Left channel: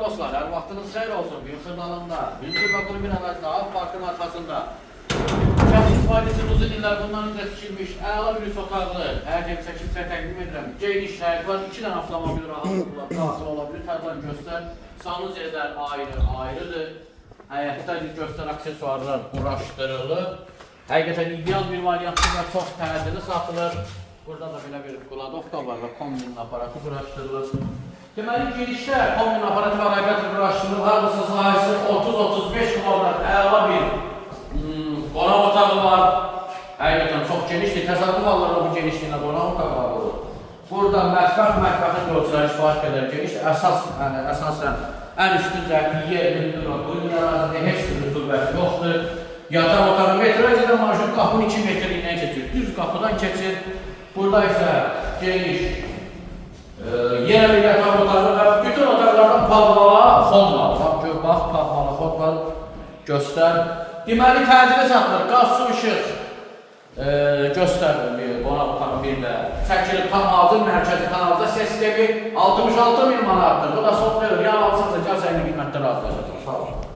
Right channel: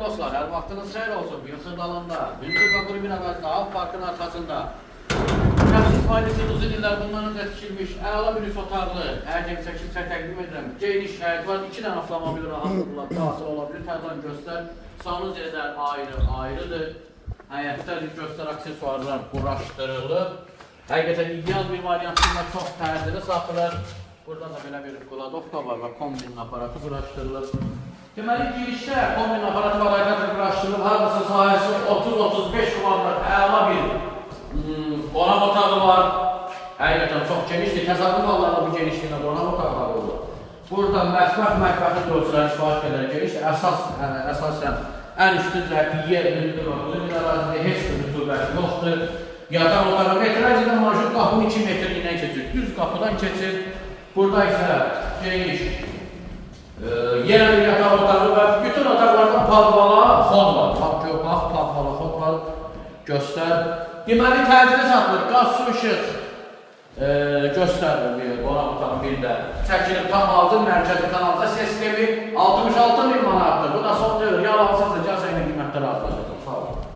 Dostlar, her vaxtınız xeyir olsun. Yusuf dalında, Bildir Bakır bir əvvəldə Av Parkın arxasında şəxs istifadəsi uzun illər bundan öncə tikilmiş əla bir üst otaqlı, hər kimsə təqdim edirəm. Geniş həyət var, 2 dənə avtomobil rahatlıqla daxil olabilir. Tərdən göstər, sanuzələr ayrıdır. Həyətdə göstər aksesuarlar quraşdırılıb. Həqiqətən ideal bir variantında çox pərdəli satılır. Burada da belə bir Qladov da var və kombinin aparatı quraşdırılır. Deməli, girişdə kombin aparatı hərəkətlə quraşdırılıb, hardasa sahəsi 30-35 kvadrat əla bir qonaq otağı var. Həqiqətən çox genişdir, təsadüf hallarda bu genişliyinə qonaq otaqları olur. Burada mətbəxin yolcuları istifadə qədər genişdir. Əsasən ən üstün cəhəti yer, heç bir rütubəti yoxdur. Yatan otağı etiraz edən marşrut qapının 2 metrliyindən keçir, düz qapıdan keçir. Burada isə geniş yer yatan otağı və bütün otaqlardan palvala fon var. Bax, palvala fon var, göstər. Deməli, təcili satılır, qaz, su, işıq göstərir qonaq otağı bir də. Çəkilib tam hazır mərkəzi kanalda sistemi 66.000 manatdır. Bu da son dövr, yalansansa gəl səni qiymətdə razılaşacaq. Sağ olun.